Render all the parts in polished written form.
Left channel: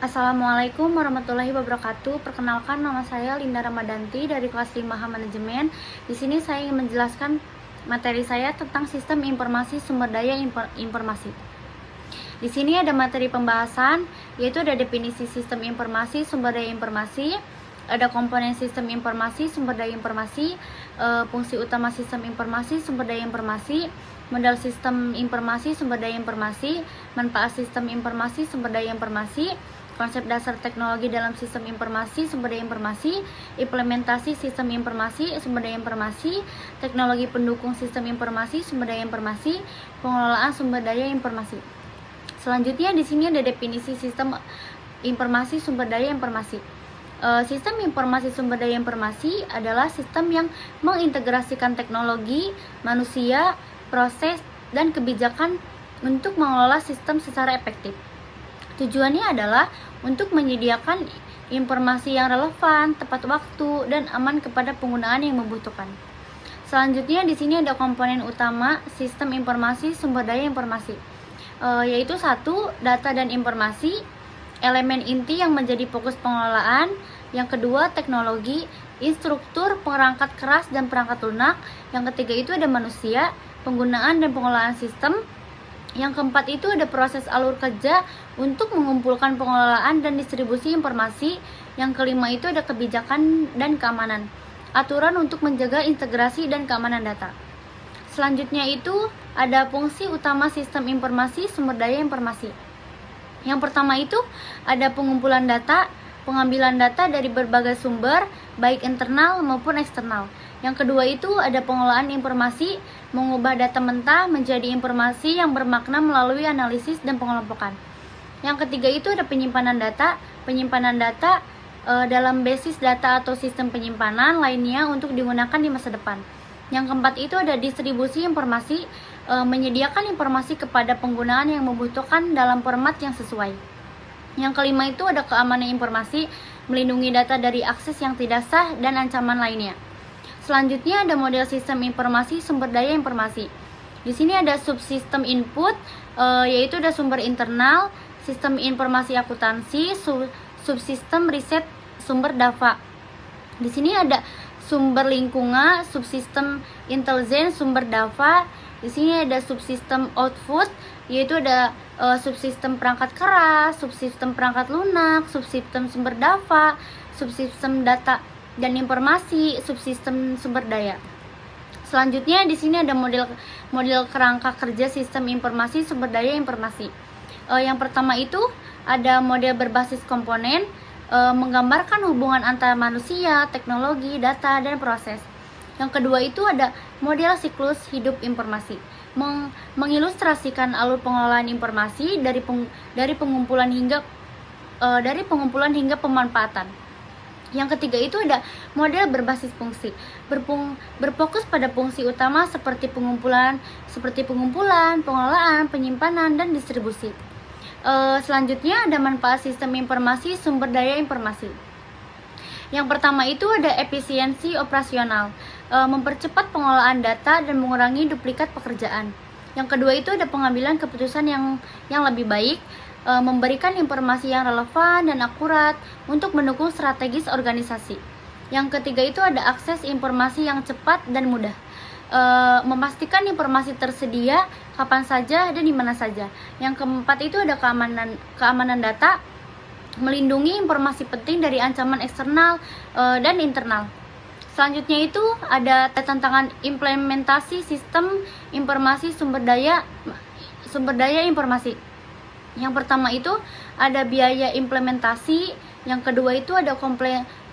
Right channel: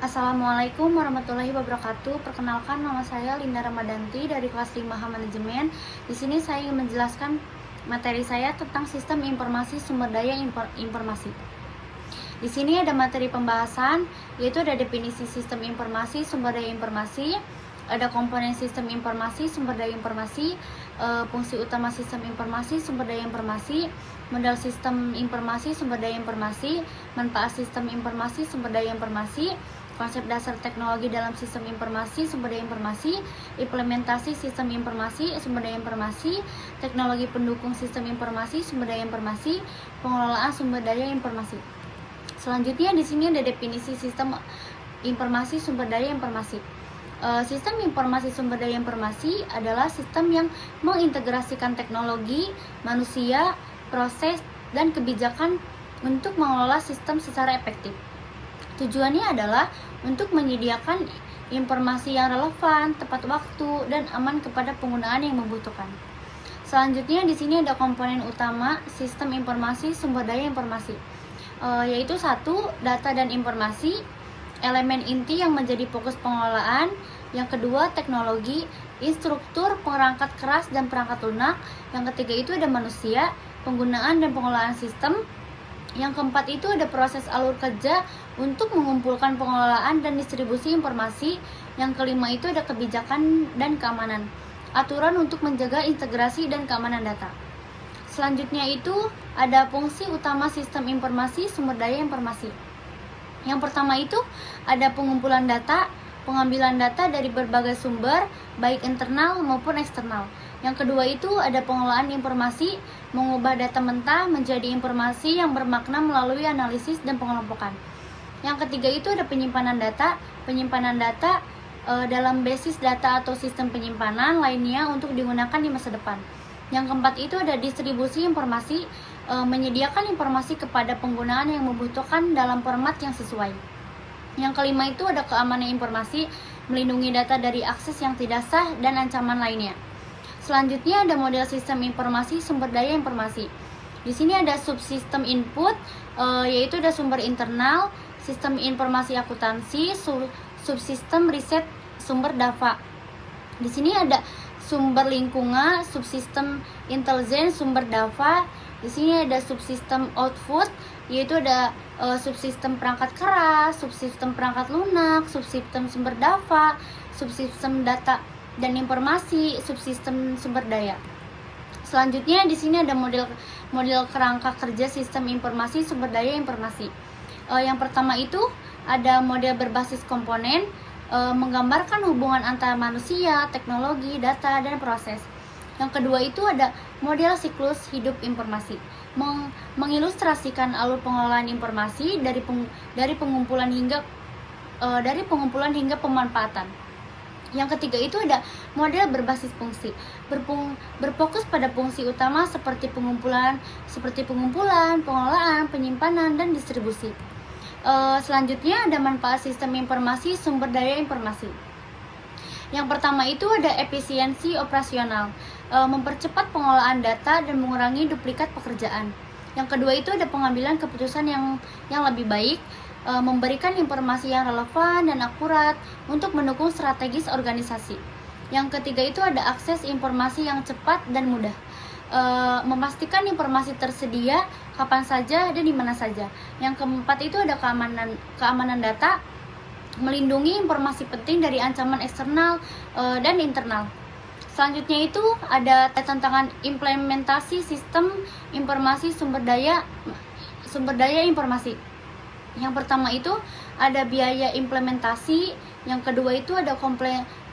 Assalamualaikum warahmatullahi wabarakatuh. Perkenalkan, nama saya Linda Ramadanti dari kelas 5H Manajemen. Di sini saya ingin menjelaskan materi saya tentang sistem informasi sumber daya informasi. Di sini ada materi pembahasan, yaitu ada definisi sistem informasi sumber daya informasi, ada komponen sistem informasi sumber daya informasi, fungsi utama sistem informasi sumber daya informasi, model sistem informasi sumber daya informasi, manfaat sistem informasi sumber daya informasi, konsep dasar teknologi dalam sistem informasi sumber daya informasi, implementasi sistem informasi sumber daya informasi, teknologi pendukung sistem informasi sumber daya informasi, pengelolaan sumber daya informasi. Selanjutnya di sini ada definisi sistem informasi sumber daya informasi. Sistem informasi sumber daya informasi adalah sistem yang mengintegrasikan teknologi, manusia, proses, dan kebijakan untuk mengelola sistem secara efektif. Tujuannya adalah untuk menyediakan informasi yang relevan, tepat waktu, dan aman kepada penggunaan yang membutuhkan. Selanjutnya di sini ada komponen utama sistem informasi sumber daya informasi, yaitu 1. Data dan informasi, elemen inti yang menjadi fokus pengelolaan. Yang kedua, teknologi, instruktur, perangkat keras dan perangkat lunak. Yang ketiga itu ada manusia, penggunaan dan pengelolaan sistem. Yang keempat itu ada proses alur kerja untuk mengumpulkan pengelolaan dan distribusi informasi. Yang kelima itu ada kebijakan dan keamanan, aturan untuk menjaga integrasi dan keamanan data. Selanjutnya itu ada fungsi utama sistem informasi sumber daya informasi. Yang pertama itu ada pengumpulan data, pengambilan data dari berbagai sumber, baik internal maupun eksternal. Yang kedua itu ada pengelolaan informasi, mengubah data mentah menjadi informasi yang bermakna melalui analisis dan pengelompokan. Yang ketiga itu ada penyimpanan data dalam basis data atau sistem penyimpanan lainnya untuk digunakan di masa depan. Yang keempat itu ada distribusi informasi, menyediakan informasi kepada penggunaan yang membutuhkan dalam format yang sesuai. Yang kelima itu ada keamanan informasi, melindungi data dari akses yang tidak sah dan ancaman lainnya. Selanjutnya ada model sistem informasi sumber daya informasi. Di sini ada subsistem input, yaitu ada sumber internal, sistem informasi akuntansi, subsistem riset, sumber data. Di sini ada sumber lingkungan, subsistem intelijen, sumber data. Di sini ada subsistem output, yaitu ada subsistem perangkat keras, subsistem perangkat lunak, subsistem sumber data, subsistem data dan informasi, subsistem sumber daya. Selanjutnya di sini ada model kerangka kerja sistem informasi sumber daya informasi. Yang pertama itu ada model berbasis komponen, menggambarkan hubungan antara manusia, teknologi, data, dan proses. Yang kedua itu ada model siklus hidup informasi, mengilustrasikan alur pengelolaan informasi dari pengumpulan hingga pemanfaatan. Yang ketiga itu ada model berbasis fungsi, berfokus pada fungsi utama seperti pengumpulan, pengelolaan, penyimpanan, dan distribusi. Selanjutnya ada manfaat sistem informasi sumber daya informasi. Yang pertama itu ada efisiensi operasional, mempercepat pengelolaan data dan mengurangi duplikat pekerjaan. Yang kedua itu ada pengambilan keputusan yang lebih baik, memberikan informasi yang relevan dan akurat untuk mendukung strategis organisasi. Yang ketiga itu ada akses informasi yang cepat dan mudah, memastikan informasi tersedia kapan saja dan di mana saja. Yang keempat itu ada keamanan data, melindungi informasi penting dari ancaman eksternal dan internal. Selanjutnya itu ada tantangan implementasi sistem informasi sumber daya informasi. Yang pertama itu ada biaya implementasi, yang kedua itu ada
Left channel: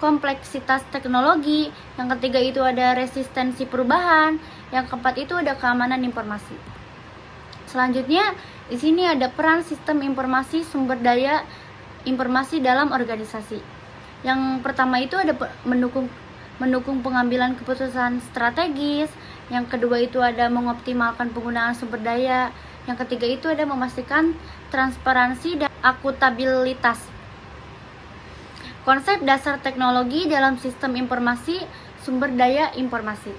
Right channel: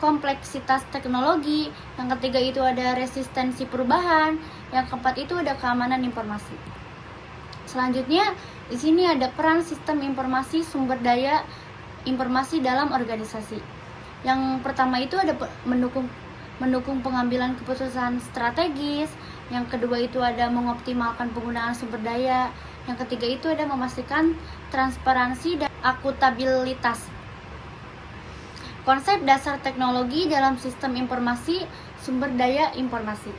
kompleksitas teknologi, yang ketiga itu ada resistensi perubahan, yang keempat itu ada keamanan informasi. Selanjutnya di sini ada peran sistem informasi sumber daya informasi dalam organisasi. Yang pertama itu ada mendukung pengambilan keputusan strategis, yang kedua itu ada mengoptimalkan penggunaan sumber daya, yang ketiga itu ada memastikan transparansi dan akuntabilitas. Konsep dasar teknologi dalam sistem informasi sumber daya informasi.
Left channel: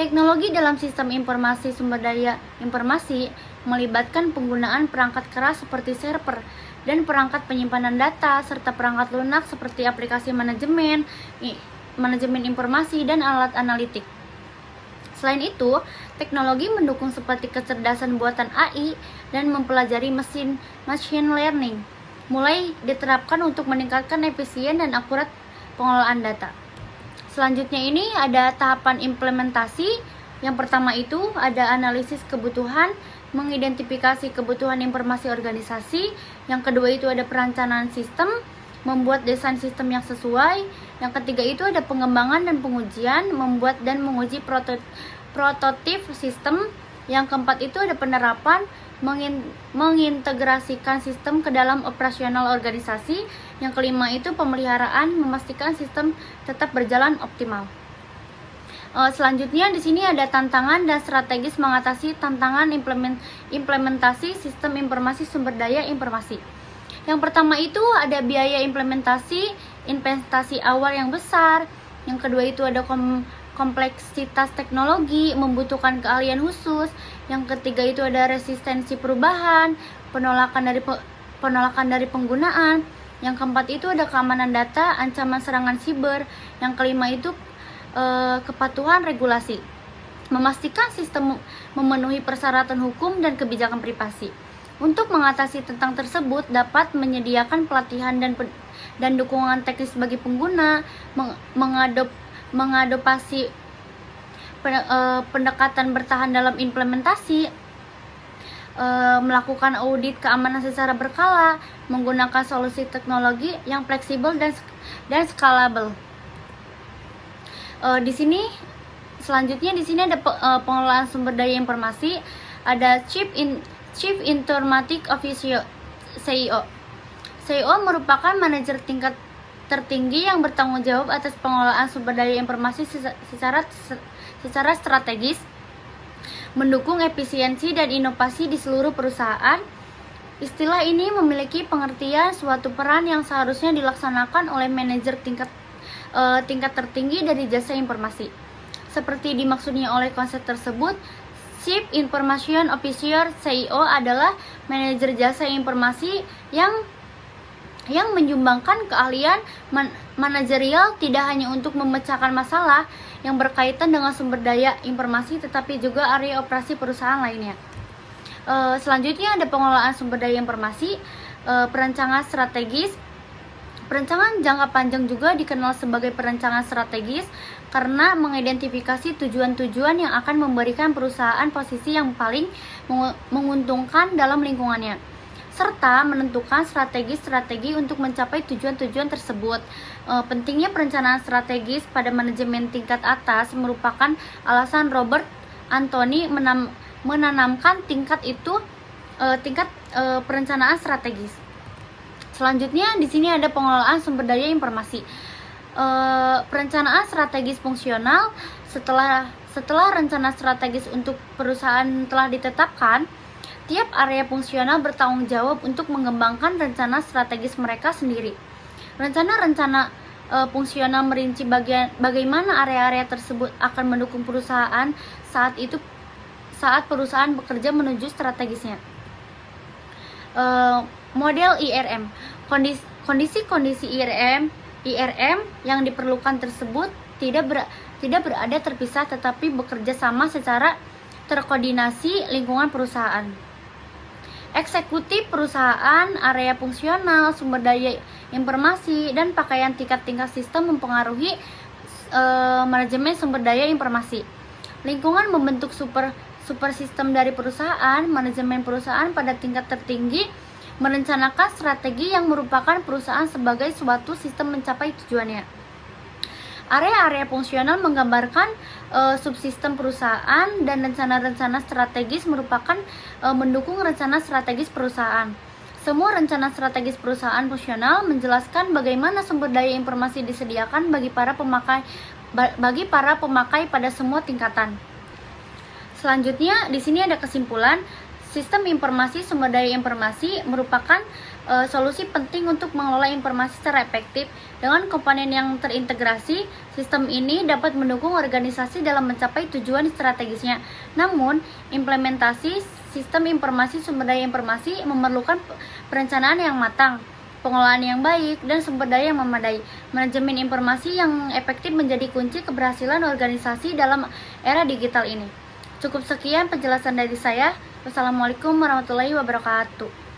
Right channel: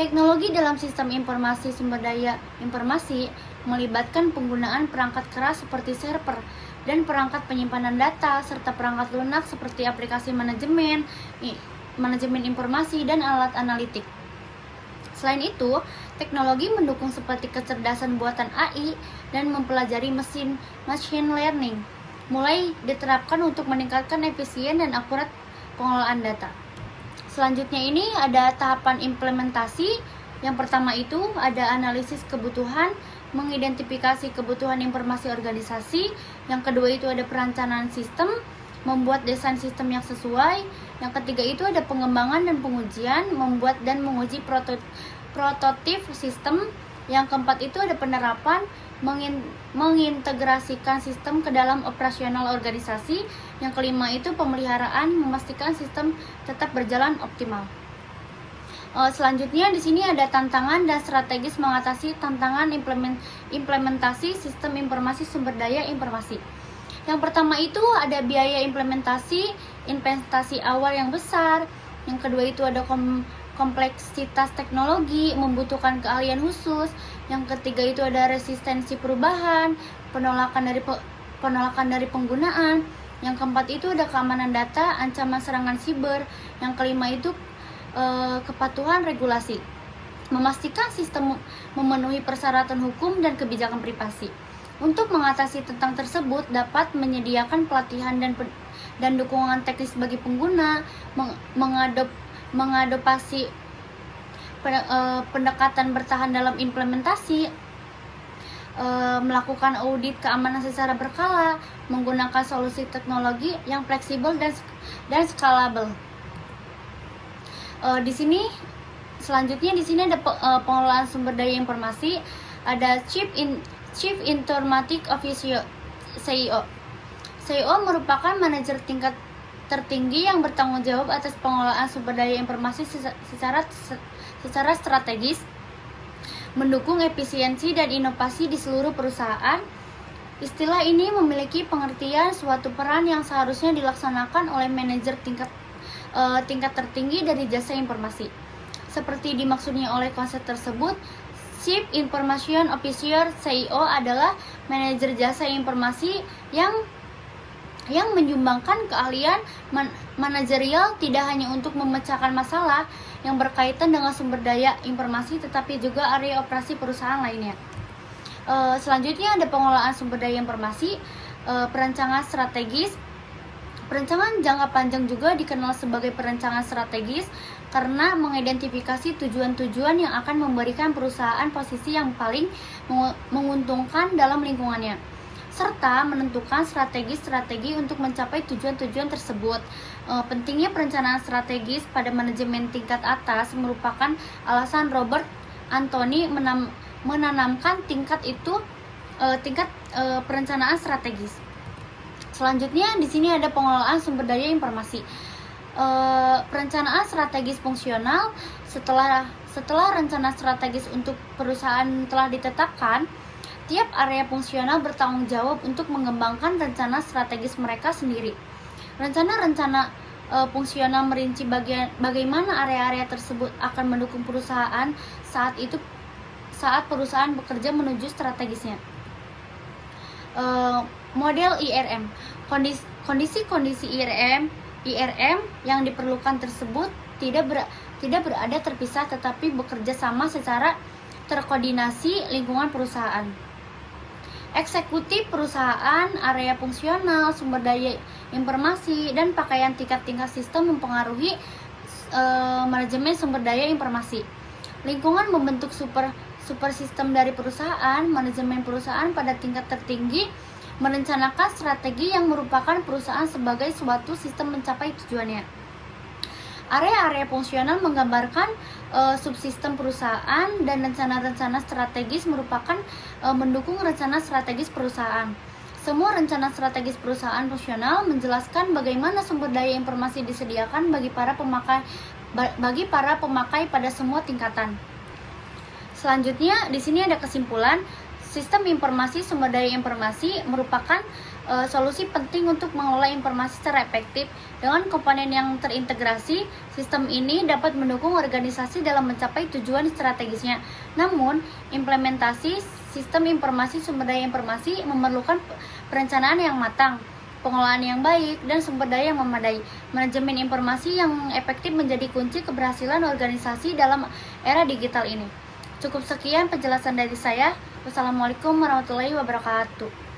Teknologi dalam sistem informasi sumber daya informasi melibatkan penggunaan perangkat keras seperti server, dan perangkat penyimpanan data, serta perangkat lunak seperti aplikasi manajemen informasi, dan alat analitik. Selain itu, teknologi mendukung seperti kecerdasan buatan AI dan mempelajari machine learning mulai diterapkan untuk meningkatkan efisien dan akurat pengelolaan data. Selanjutnya ini ada tahapan implementasi. Yang pertama itu ada analisis kebutuhan, mengidentifikasi kebutuhan informasi organisasi. Yang kedua itu ada perencanaan sistem, membuat desain sistem yang sesuai. Yang ketiga itu ada pengembangan dan pengujian, membuat dan menguji prototip sistem. Yang keempat itu ada penerapan, mengintegrasikan sistem ke dalam operasional organisasi. Yang kelima itu pemeliharaan, memastikan sistem tetap berjalan optimal. Selanjutnya di sini ada tantangan dan strategis mengatasi tantangan implementasi sistem informasi sumber daya informasi. Yang pertama itu ada biaya implementasi, investasi awal yang besar. Yang kedua itu ada kompleksitas teknologi, membutuhkan keahlian khusus. Yang ketiga itu ada resistensi perubahan, penolakan dari penggunaan. Yang keempat itu ada keamanan data, ancaman serangan siber. Yang kelima itu kepatuhan regulasi, memastikan sistem memenuhi persyaratan hukum dan kebijakan privasi. Untuk mengatasi tentang tersebut dapat menyediakan pelatihan dan dukungan teknis bagi pengguna, mengadopsi pendekatan bertahan dalam implementasi, melakukan audit keamanan secara berkala, menggunakan solusi teknologi yang fleksibel dan scalable. Selanjutnya di sini ada pengelolaan sumber daya informasi, ada Chief Informatic Officer (CEO). CEO merupakan manajer tingkat tertinggi yang bertanggung jawab atas pengelolaan sumber daya informasi secara strategis, mendukung efisiensi dan inovasi di seluruh perusahaan. Istilah ini memiliki pengertian suatu peran yang seharusnya dilaksanakan oleh manajer tingkat tertinggi dari jasa informasi. Seperti dimaksudnya oleh konsep tersebut, Chief Information Officer (CEO) adalah manajer jasa informasi yang menyumbangkan keahlian manajerial tidak hanya untuk memecahkan masalah yang berkaitan dengan sumber daya informasi, tetapi juga area operasi perusahaan lainnya. Selanjutnya ada pengelolaan sumber daya informasi, perencanaan strategis. Perencanaan jangka panjang juga dikenal sebagai perencanaan strategis karena mengidentifikasi tujuan-tujuan yang akan memberikan perusahaan posisi yang paling menguntungkan dalam lingkungannya, serta menentukan strategi untuk mencapai tujuan-tujuan tersebut. Pentingnya perencanaan strategis pada manajemen tingkat atas merupakan alasan Robert Anthony menanamkan tingkat perencanaan strategis. Selanjutnya di sini ada pengelolaan sumber daya informasi. Perencanaan strategis fungsional. Setelah rencana strategis untuk perusahaan telah ditetapkan, tiap area fungsional bertanggung jawab untuk mengembangkan rencana strategis mereka sendiri. Rencana fungsional merinci bagaimana area-area tersebut akan mendukung perusahaan saat perusahaan bekerja menuju strategisnya. Model IRM. Kondisi-kondisi IRM yang diperlukan tersebut tidak berada terpisah tetapi bekerja sama secara terkoordinasi lingkungan perusahaan. Eksekutif perusahaan, area fungsional, sumber daya informasi, dan pakaian tingkat-tingkat sistem mempengaruhi manajemen sumber daya informasi. Lingkungan membentuk super sistem dari perusahaan. Manajemen perusahaan pada tingkat tertinggi merencanakan strategi yang merupakan perusahaan sebagai suatu sistem mencapai tujuannya. Area-area fungsional menggambarkan subsistem perusahaan, dan rencana-rencana strategis merupakan mendukung rencana strategis perusahaan. Semua rencana strategis perusahaan fungsional menjelaskan bagaimana sumber daya informasi disediakan bagi para pemakai pada semua tingkatan. Selanjutnya di sini ada kesimpulan. Sistem informasi sumber daya informasi merupakan solusi penting untuk mengelola informasi secara efektif. Dengan komponen yang terintegrasi, sistem ini dapat mendukung organisasi dalam mencapai tujuan strategisnya. Namun, implementasi sistem informasi sumber daya informasi memerlukan perencanaan yang matang, pengelolaan yang baik, dan sumber daya yang memadai. Manajemen informasi yang efektif menjadi kunci keberhasilan organisasi dalam era digital ini. Cukup sekian penjelasan dari saya. Wassalamualaikum warahmatullahi wabarakatuh.